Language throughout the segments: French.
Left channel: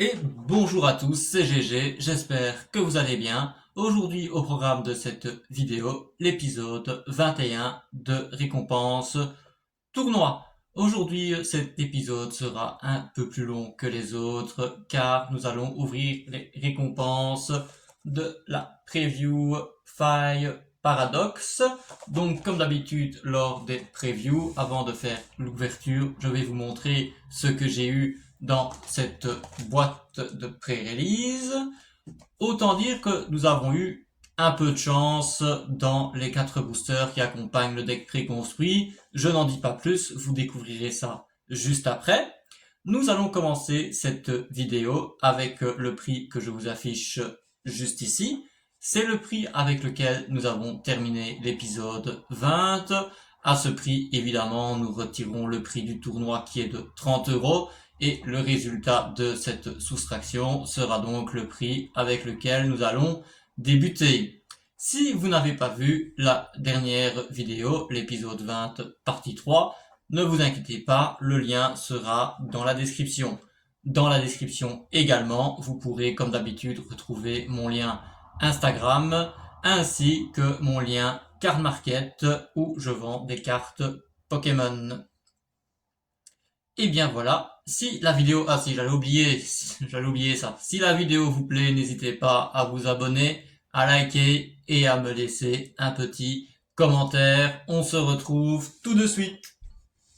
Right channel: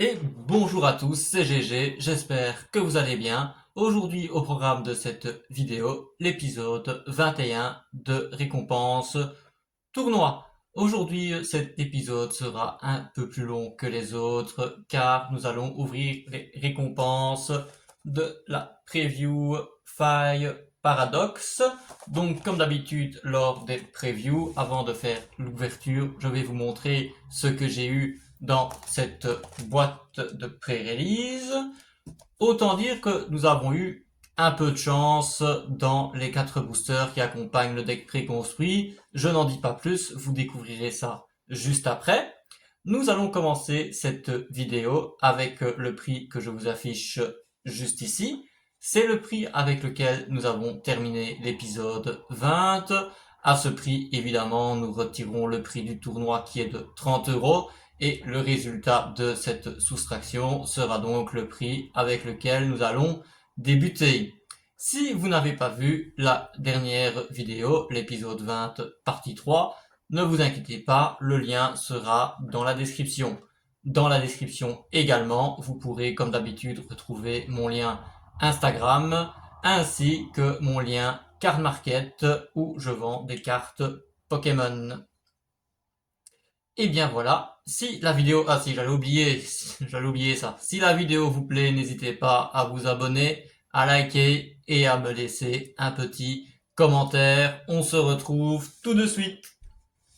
Et bonjour à tous, c'est GG, j'espère que vous allez bien. Aujourd'hui au programme de cette vidéo, l'épisode 21 de Récompense Tournoi. Aujourd'hui cet épisode sera un peu plus long que les autres car nous allons ouvrir les récompenses de la preview Fire Paradox. Donc comme d'habitude lors des previews, avant de faire l'ouverture, je vais vous montrer ce que j'ai eu dans cette boîte de pré-release. Autant dire que nous avons eu un peu de chance dans les 4 boosters qui accompagnent le deck préconstruit. Je n'en dis pas plus, vous découvrirez ça juste après. Nous allons commencer cette vidéo avec le prix que je vous affiche juste ici. C'est le prix avec lequel nous avons terminé l'épisode 20. À ce prix, évidemment, nous retirons le prix du tournoi qui est de 30 € et le résultat de cette soustraction sera donc le prix avec lequel nous allons débuter. Si vous n'avez pas vu la dernière vidéo, l'épisode 20, partie 3, ne vous inquiétez pas, le lien sera dans la description. Dans la description également, vous pourrez comme d'habitude retrouver mon lien Instagram ainsi que mon lien Card Market où je vends des cartes Pokémon. Et bien voilà, si la vidéo... Ah si, j'allais oublier ça. Si la vidéo vous plaît, n'hésitez pas à vous abonner, à liker et à me laisser un petit commentaire. On se retrouve tout de suite.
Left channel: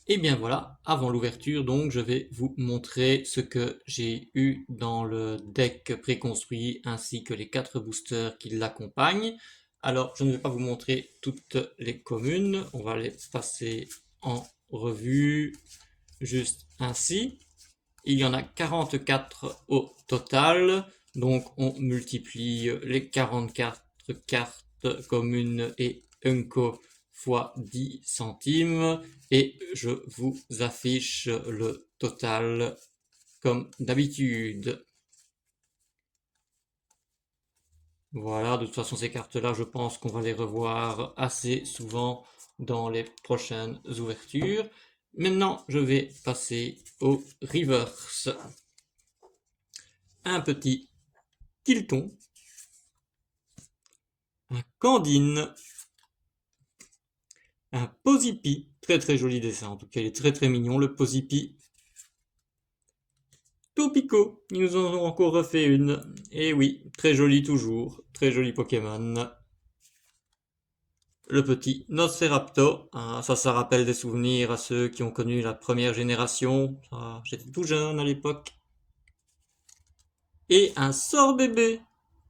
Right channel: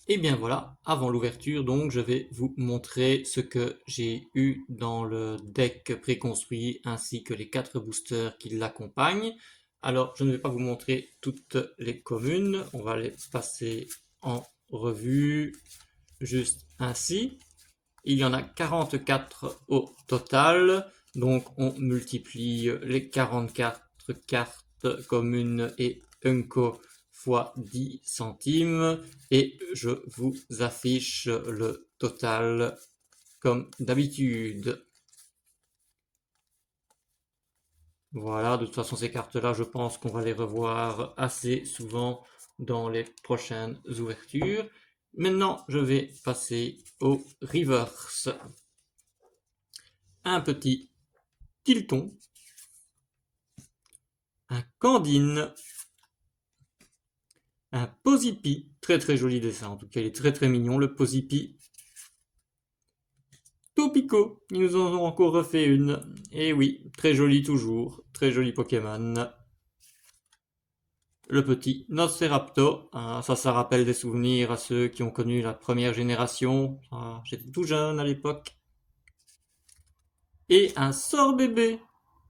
Et bien voilà, avant l'ouverture, donc, je vais vous montrer ce que j'ai eu dans le deck préconstruit ainsi que les 4 boosters qui l'accompagnent. Alors, je ne vais pas vous montrer toutes les communes, on va les passer en revue juste ainsi. Il y en a 44 au total, donc on multiplie les 44 cartes communes et Unco fois 10 centimes et je vous affiche le total comme d'habitude. Voilà, de toute façon ces cartes-là, je pense qu'on va les revoir assez souvent dans les prochaines ouvertures. Maintenant, je vais passer au reverse. Un petit Tilton, un Candine, un Posipi, très très joli dessin, en tout cas il est très très mignon le Posipi. Topico, ils nous en ont encore refait une, et oui, très joli toujours, très joli Pokémon. Le petit Nosferaptor, ça rappelle des souvenirs à ceux qui ont connu la première génération, j'étais tout jeune à l'époque. Et un sort bébé,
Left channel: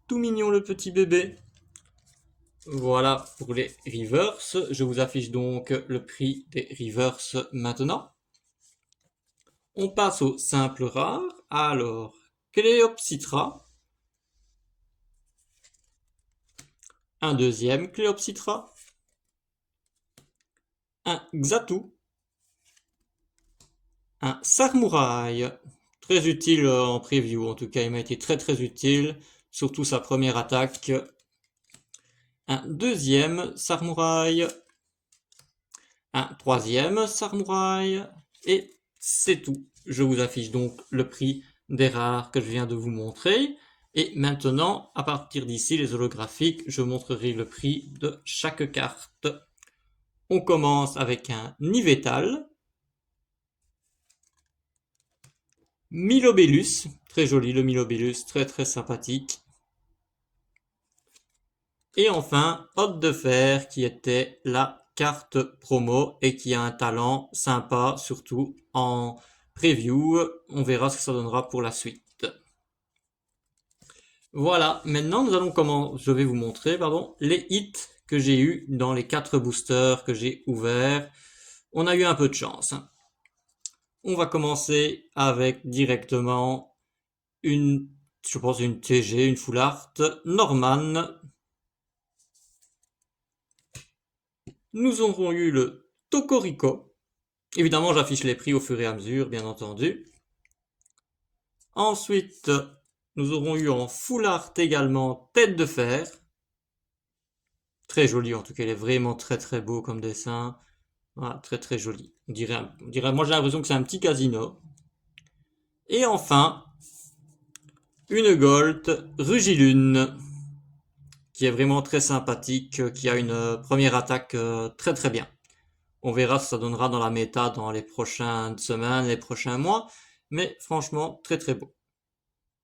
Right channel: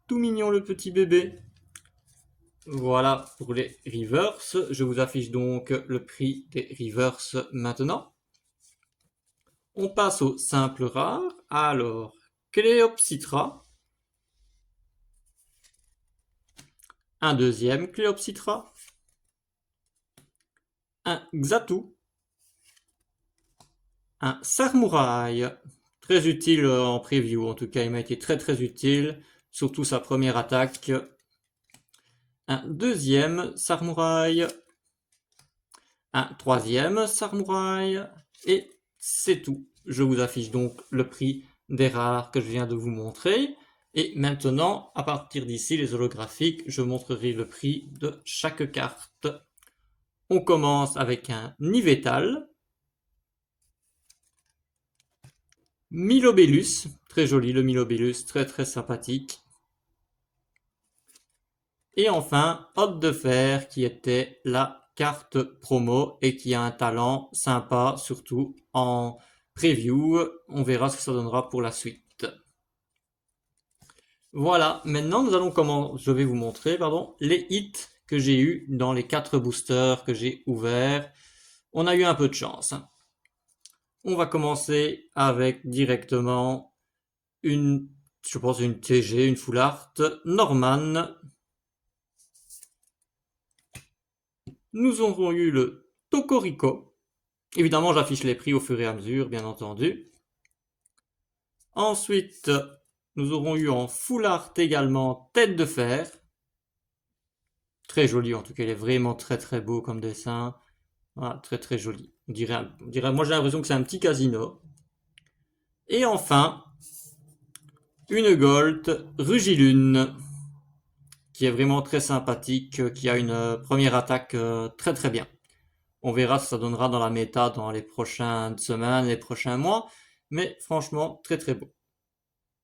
tout mignon le petit bébé. Voilà pour les reverse. Je vous affiche donc le prix des reverse maintenant. On passe au simple rare. Alors, Cléopsitra. Un deuxième Cléopsitra. Un Xatu. Un Sarmouraï. Très utile en preview. En tout cas, il m'a été très très utile. Surtout sa première attaque. Un deuxième Sarmouraï. Un troisième Sarmouraï. Et c'est tout. Je vous affiche donc le prix des rares que je viens de vous montrer. Et maintenant, à partir d'ici, les holographiques, je montrerai le prix de chaque carte. On commence avec un Nivetal. Milobellus, très joli le Milobellus, très très sympathique. Et enfin, Hôte de Fer, qui était la carte promo et qui a un talent sympa, surtout en preview. On verra ce que ça donnera pour la suite. Voilà, maintenant je vais vous montrer les hits que j'ai eu dans les 4 boosters que j'ai ouverts. On a eu un peu de chance. On va commencer avec directement je pense une TG, une Full Art Norman. Nous aurons eu le Tocorico. Évidemment, j'affiche les prix au fur et à mesure, bien entendu. Ensuite, nous aurons eu en Full Art également Tête de Fer. Très joli, en tout cas, il est vraiment très très beau comme dessin. Voilà, très très joli. Moi j'ai l'impression que c'est un petit casino. Et enfin, une Gold Rugilune, qui est vraiment très sympathique, qui a une première attaque très très bien. On verra ce que ça donnera dans la méta dans les prochaines semaines, les prochains mois, mais franchement très très beau,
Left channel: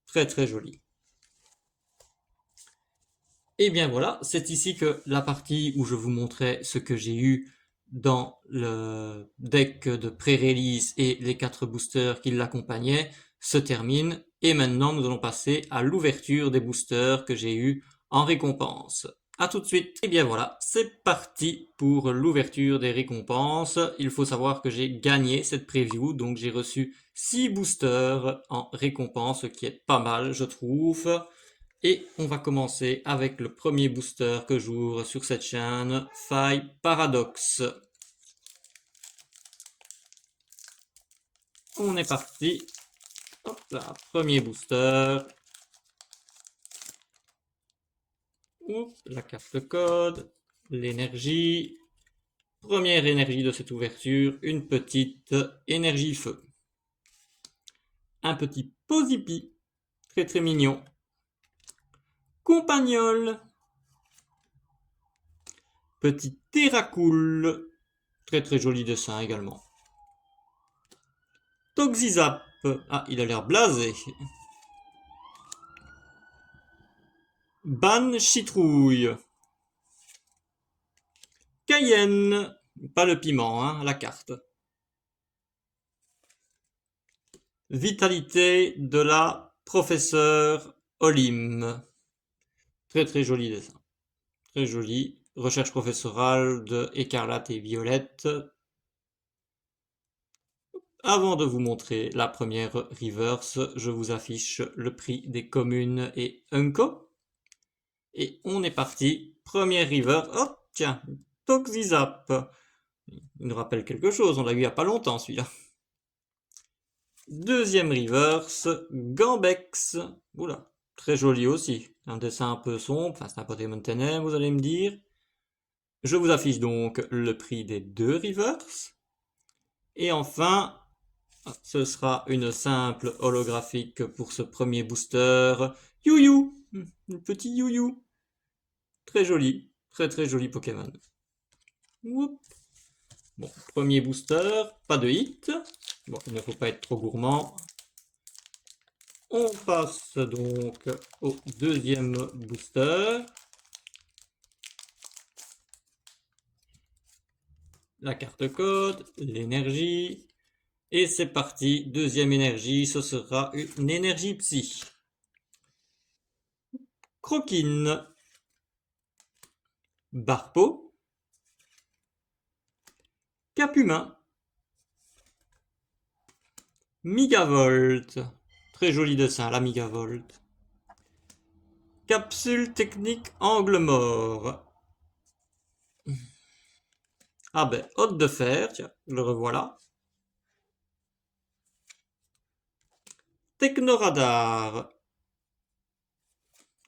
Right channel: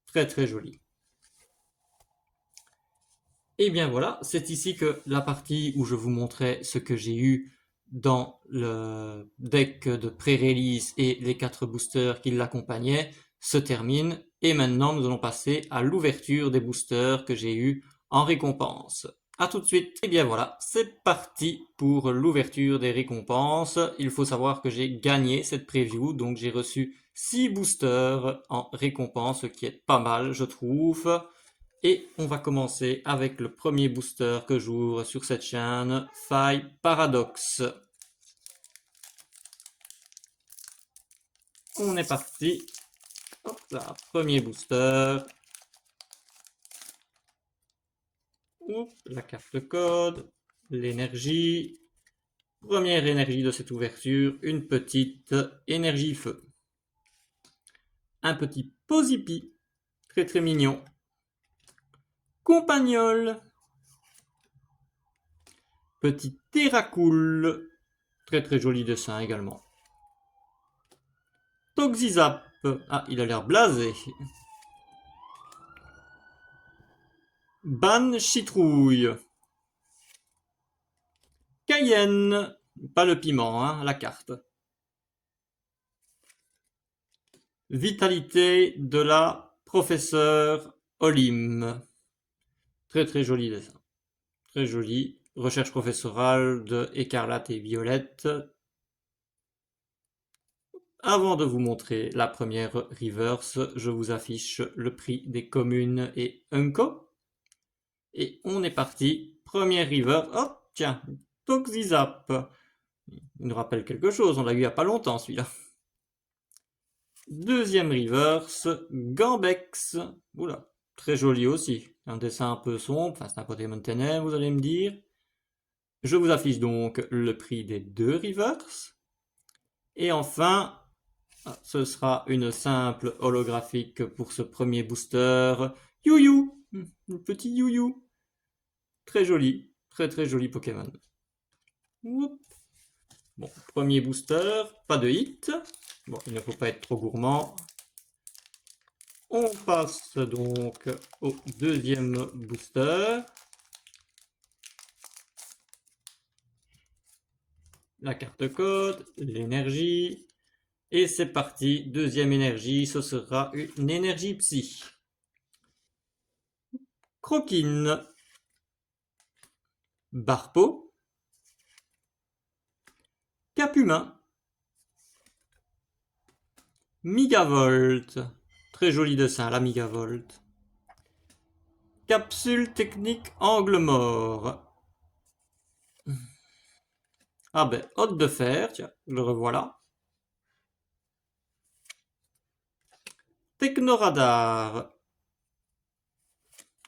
très très joli. Et bien voilà, c'est ici que la partie où je vous montrais ce que j'ai eu dans le deck de pré-release et les 4 boosters qui l'accompagnaient se termine. Et maintenant, nous allons passer à l'ouverture des boosters que j'ai eu en récompense. A tout de suite. Et bien voilà, c'est parti pour l'ouverture des récompenses. Il faut savoir que j'ai gagné cette preview, donc j'ai reçu 6 boosters en récompense, ce qui est pas mal, je trouve. Et on va commencer avec le premier booster que j'ouvre sur cette chaîne, Faille Paradox. On est parti. Hop là, premier booster. Oups, la carte code, l'énergie. Première énergie de cette ouverture, une petite énergie feu. Un petit Posipi, très très mignon. Compagnol. Petit Terracool, très très joli dessin également. Toxizap, ah il a l'air blasé. Ban Citrouille. Cayenne, pas le piment, hein, la carte. Vitalité de la professeure Olim. Très très joli dessin. Très joli. Recherche professorale de Écarlate et Violette. Avant de vous montrer la première reverse, je vous affiche le prix des communes et Unco. Et on est parti. Première reverse. Hop, tiens, Toxizap. Il nous rappelle quelque chose, on l'a eu il n'y a pas longtemps celui-là. Deuxième reverse, Gambex. Oula, très joli aussi. Un dessin un peu sombre, enfin c'est un Pokémon ténèbres, vous allez me dire. Je vous affiche donc le prix des deux reverses. Et enfin, ce sera une simple holographique pour ce premier booster. You-You, un petit You-You. Très joli, très très joli Pokémon. Oup. Bon, premier booster, pas de hit. Bon, il ne faut pas être trop gourmand. On passe donc au deuxième booster. La carte code, l'énergie. Et c'est parti, deuxième énergie, ce sera une énergie psy. Croquine. Barpo. Capumin. Migavolt. Très joli dessin, la Migavolt. Capsule technique angle mort. Ah ben, hôte de fer, tiens, le revoilà. Technoradar.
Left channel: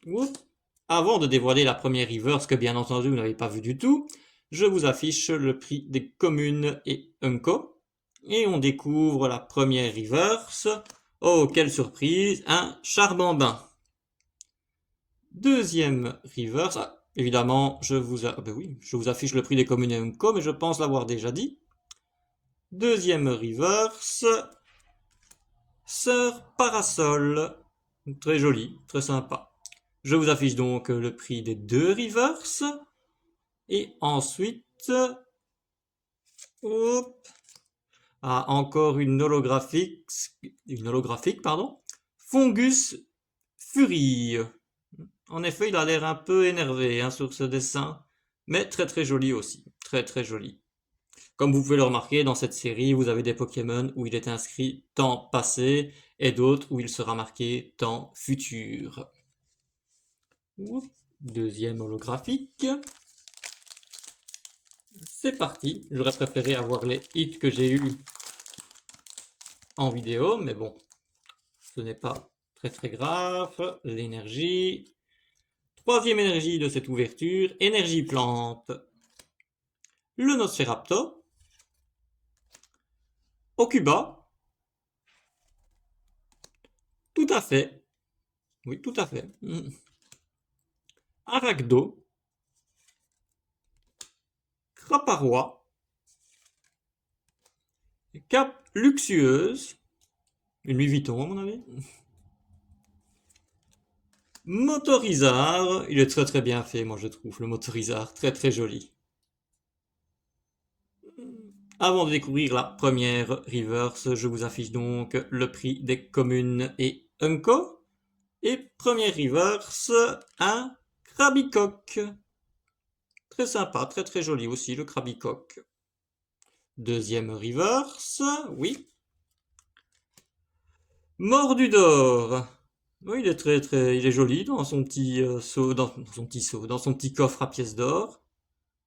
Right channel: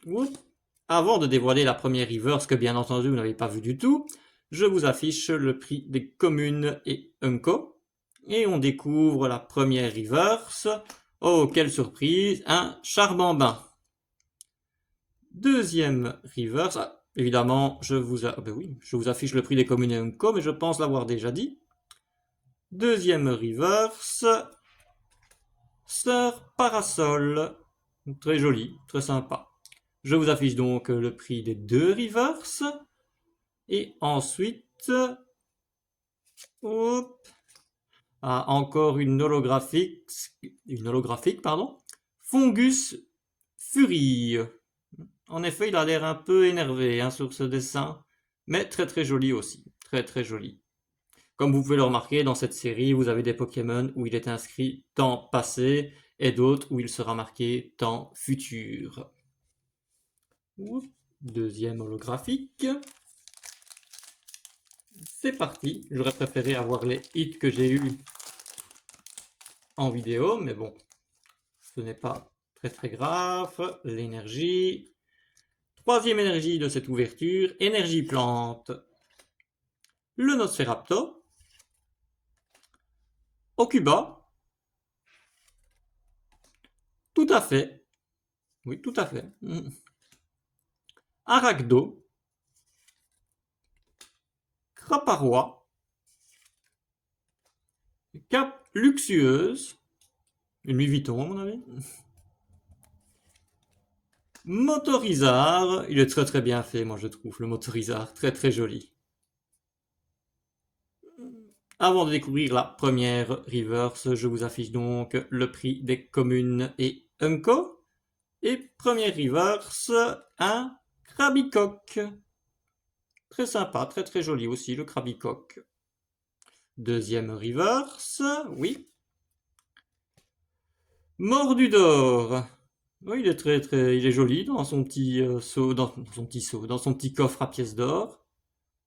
Oups. Avant de dévoiler la première reverse que bien entendu vous n'avez pas vu du tout, je vous affiche le prix des communes et Unco. Et on découvre la première reverse. Oh, quelle surprise, un Charbambin. Deuxième reverse, ah, évidemment, je vous affiche le prix des communes et Unco, mais je pense l'avoir déjà dit. Deuxième reverse, Sœur Parasol. Très joli, très sympa. Je vous affiche donc le prix des deux reverse. Et ensuite, hop, encore une holographique, pardon. Fungus Fury. En effet, il a l'air un peu énervé hein, sur ce dessin, mais très très joli aussi, très très joli. Comme vous pouvez le remarquer, dans cette série, vous avez des Pokémon où il est inscrit temps passé et d'autres où il sera marqué temps futur. Deuxième holographique. C'est parti. J'aurais préféré avoir les hits que j'ai eu en vidéo, mais bon, ce n'est pas très très grave. L'énergie. Troisième énergie de cette ouverture, énergie plante. Le Nosferaptor. Okuba. Tout à fait. Oui, tout à fait. Arachdo, Craparois, Cap Luxueuse, une Louis Vuitton à mon avis. Motorizard, il est très très bien fait, moi je trouve, le Motorizard, très très joli. Avant de découvrir la première reverse, je vous affiche donc le prix des communes et Unco. Et première reverse, un Krabicoque. Très sympa, très très joli aussi le Krabicoque. Deuxième reverse, oui. Mordu d'or. Oui, il est très très, il est joli dans son petit seau, dans son petit seau, dans son petit coffre à pièces d'or.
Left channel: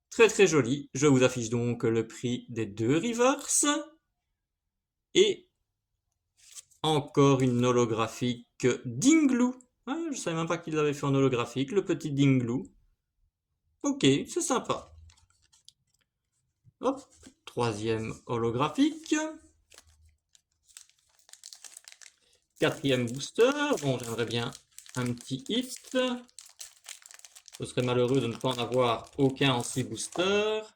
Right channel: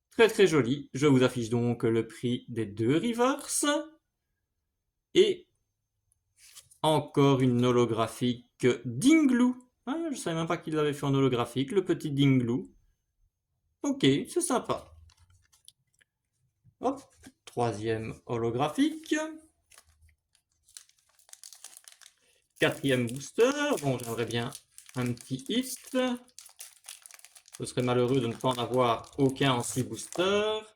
Très très joli. Je vous affiche donc le prix des deux reverse. Et encore une holographique Dingloo. Ah, je savais même pas qu'il l'avait fait en holographique, le petit Dingloo. Ok, c'est sympa. Hop, troisième holographique. Quatrième booster. Bon, j'aimerais bien un petit hit. Ce serait malheureux de ne pas en avoir aucun en 6 boosters.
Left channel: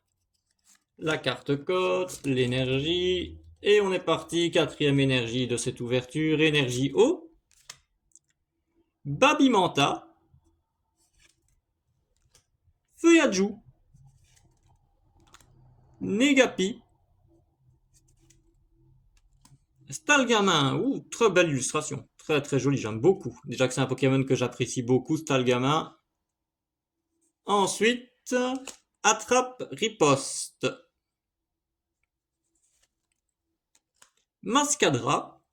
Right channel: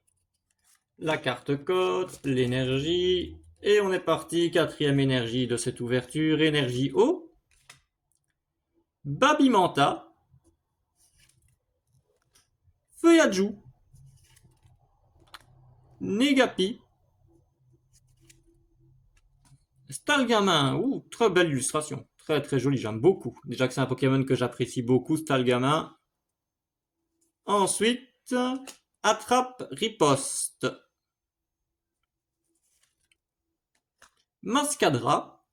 La carte code, l'énergie. Et on est parti. Quatrième énergie de cette ouverture. Énergie eau. Babimanta. Feuillajou. Negapi. Stalgamin, ouh, très belle illustration. Très très jolie, j'aime beaucoup. Déjà que c'est un Pokémon que j'apprécie beaucoup, Stalgamin. Ensuite, Attrape Riposte. Mascadra.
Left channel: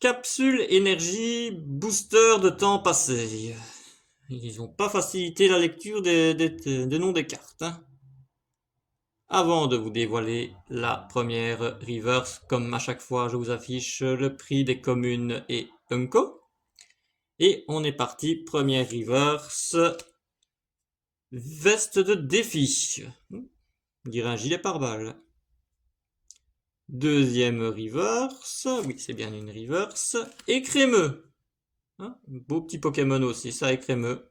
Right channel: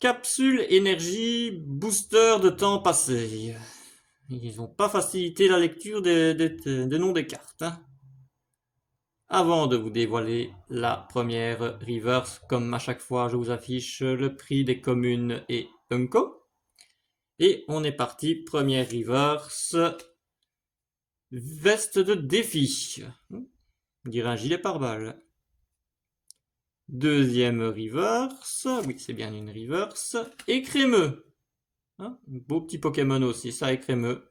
Capsule énergie booster de temps passé. Ils n'ont pas facilité la lecture des noms des cartes. Hein. Avant de vous dévoiler la première reverse, comme à chaque fois, je vous affiche le prix des communes et Unco. Et on est parti, première reverse. Veste de défi. On dirait un gilet pare-balles. Deuxième reverse. Oui, c'est bien une reverse. Écrémeux. Hein, beau petit Pokémon aussi, ça, Écrémeux.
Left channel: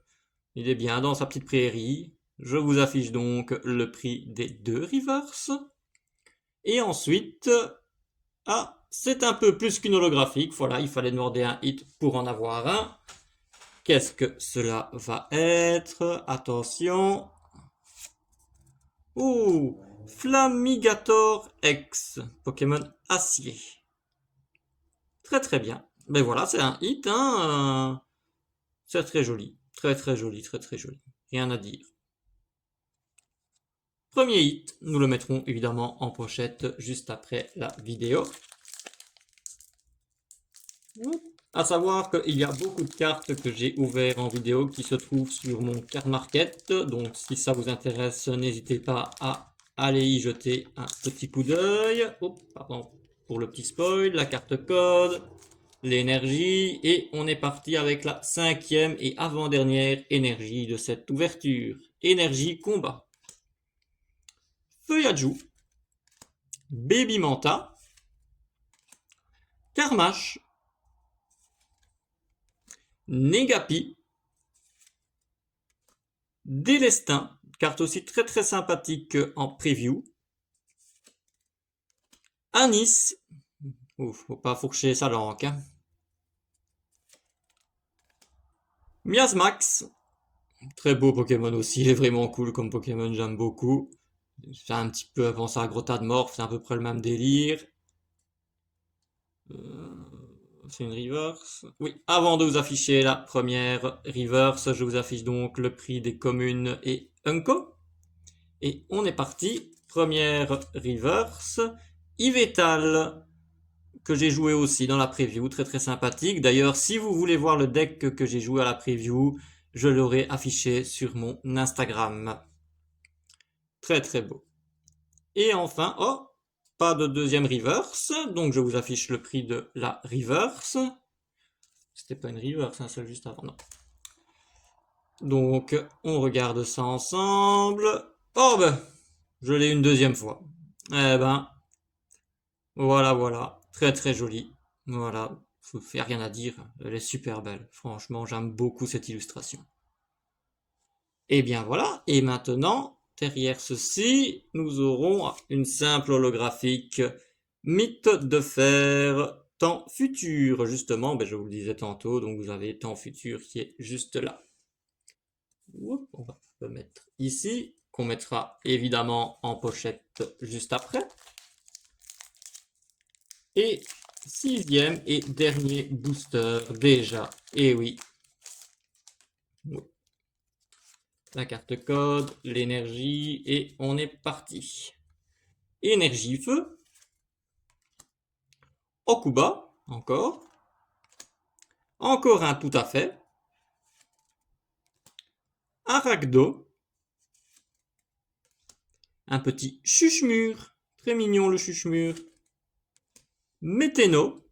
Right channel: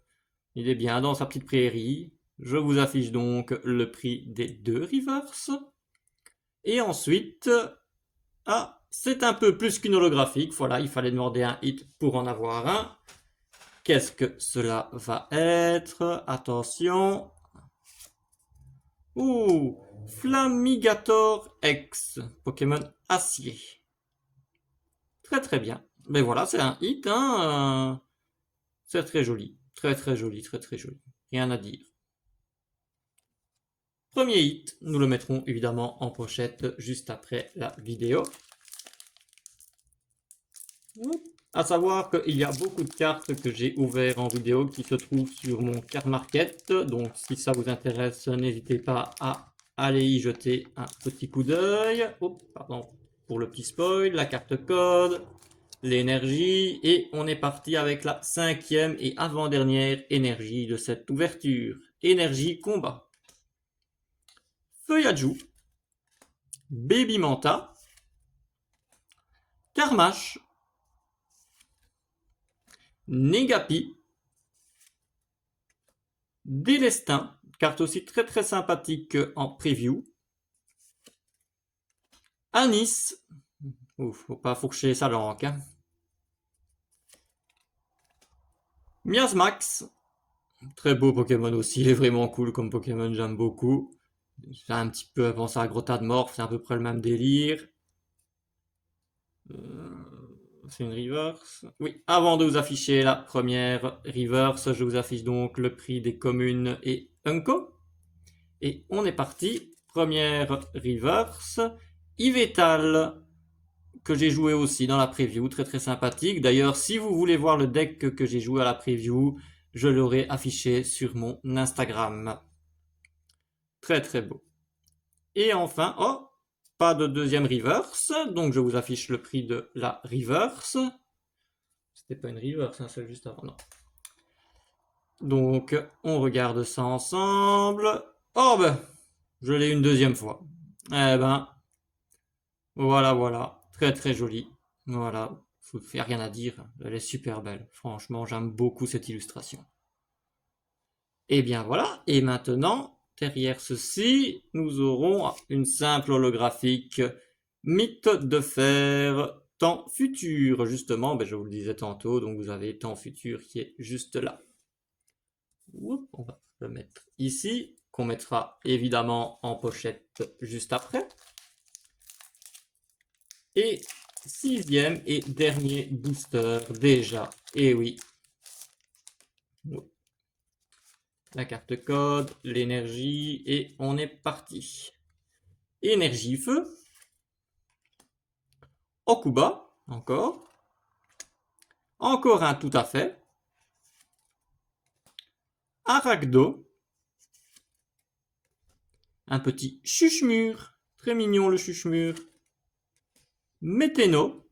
Il est bien dans sa petite prairie. Je vous affiche donc le prix des deux reverse. Et ensuite, ah, c'est un peu plus qu'une holographique. Voilà, il fallait demander un hit pour en avoir un. Qu'est-ce que cela va être? Attention. Ouh, Flamigator X, Pokémon acier. Très très bien. Mais voilà, c'est un hit, hein. C'est très joli. Très très joli, très très joli. Rien à dire. Premier hit, nous le mettrons évidemment en pochette juste après la vidéo. À savoir qu'il y a beaucoup de cartes que j'ai ouvertes en vidéo qui se trouvent sur mon card market. Donc si ça vous intéresse, n'hésitez pas à aller y jeter un petit coup d'œil. Oh, pardon pour le petit spoil, la carte code, l'énergie. Et on est parti avec la cinquième et avant-dernière énergie de cette ouverture. Énergie combat. Feuillajou. Babymanta. Carmache. Negapi. Délestin, carte aussi très très sympathique en preview. Anis, ouf, faut pas fourcher sa langue. Hein. Miasmax, très beau Pokémon aussi, il est vraiment cool comme Pokémon, j'aime beaucoup. J'ai un petit peu avancé à Grotadmorph, c'est à peu près le même délire. C'est une reverse. Oui, avant de vous afficher la première reverse, je vous affiche donc le prix des communes et Unco. Et on est parti. Première reverse. Yveltal, que j'ai joué aussi dans la preview, très très sympathique. D'ailleurs, si vous voulez voir le deck que j'ai joué à la preview, je l'aurai affiché sur mon Instagram. Très très beau. Et enfin, oh, pas de deuxième reverse, donc je vous affiche le prix de la reverse. C'était pas une reverse, hein, celle juste avant, non. Donc, on regarde ça ensemble. Oh ben, je l'ai une deuxième fois. Eh ben, voilà, voilà, très très joli. Voilà, il n'y a rien à dire, elle est super belle. Franchement, j'aime beaucoup cette illustration. Et bien voilà, et maintenant, derrière ceci, nous aurons une simple holographique mythe de fer temps futur. Justement, je vous le disais tantôt, donc vous avez temps futur qui est juste là. On va le mettre ici, qu'on mettra évidemment en pochette juste après. Et sixième et dernier booster déjà, et oui. La carte code, l'énergie, et on est parti. Énergie feu. Okuba, encore. Encore un tout à fait. Arachdo. Un petit chuchemur. Très mignon le chuchemur. Météno.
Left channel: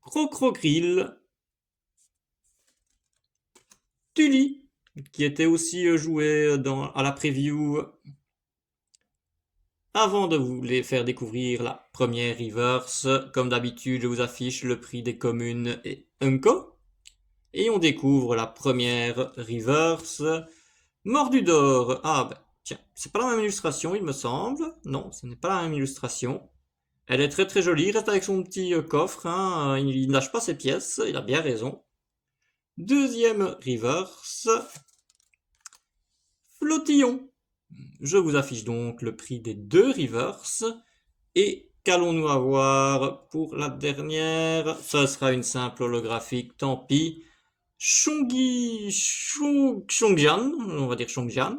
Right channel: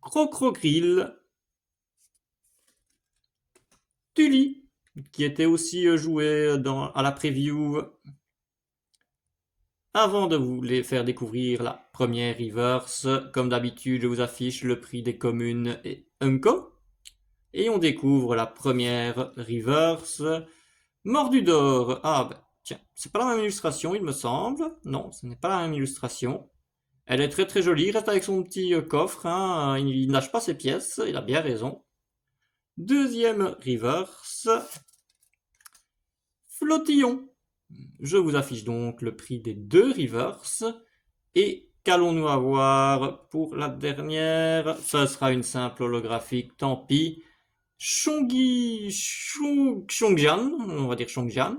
Crocrocryl. Tully, qui était aussi joué à la preview. Avant de vous les faire découvrir la première reverse, comme d'habitude, je vous affiche le prix des communes et Unco. Et on découvre la première reverse. Mordu d'or. Ah, tiens, c'est pas la même illustration, il me semble. Non, ce n'est pas la même illustration. Elle est très très jolie, il reste avec son petit coffre, hein. Il lâche pas ses pièces, il a bien raison. Deuxième reverse. Flottillon. Je vous affiche donc le prix des deux reverse. Et qu'allons-nous avoir pour la dernière? Ça sera une simple holographique, tant pis. Chongjian, on va dire Chongjian.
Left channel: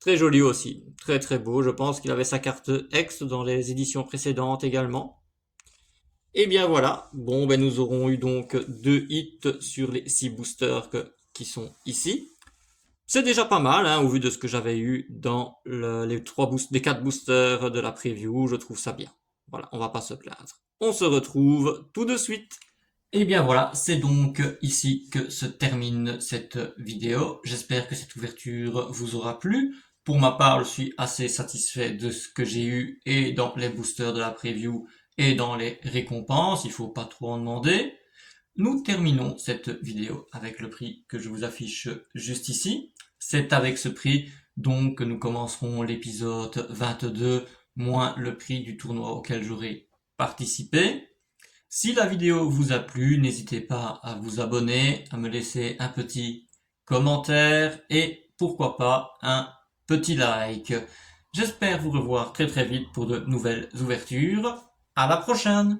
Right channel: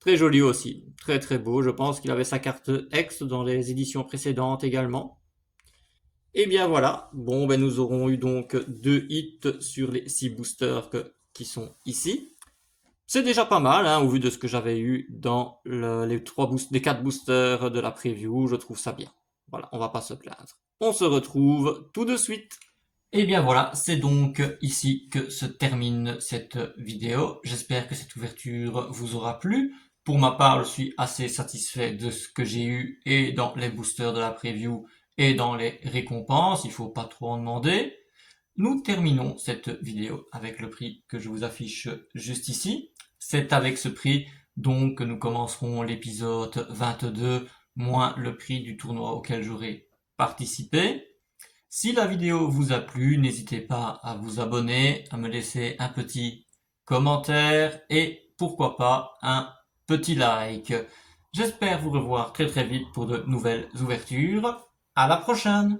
Très joli aussi, très très beau. Je pense qu'il avait sa carte X dans les éditions précédentes également. Et bien voilà, bon nous aurons eu donc 2 hits sur les 6 boosters qui sont ici. C'est déjà pas mal, hein, au vu de ce que j'avais eu dans les 4 boosters de la preview, je trouve ça bien. Voilà, on va pas se plaindre. On se retrouve tout de suite. Et bien voilà, c'est donc ici que se termine cette vidéo. J'espère que cette ouverture vous aura plu. Pour ma part, je suis assez satisfait de ce que j'ai eu et dans les boosters de la preview et dans les récompenses. Il faut pas trop en demander. Nous terminons cette vidéo avec le prix que je vous affiche juste ici. C'est avec ce prix donc que nous commencerons l'épisode 22 moins le prix du tournoi auquel j'aurai participé. Si la vidéo vous a plu, n'hésitez pas à vous abonner, à me laisser un petit commentaire et pourquoi pas un petit like. J'espère vous revoir très très vite pour de nouvelles ouvertures. À la prochaine!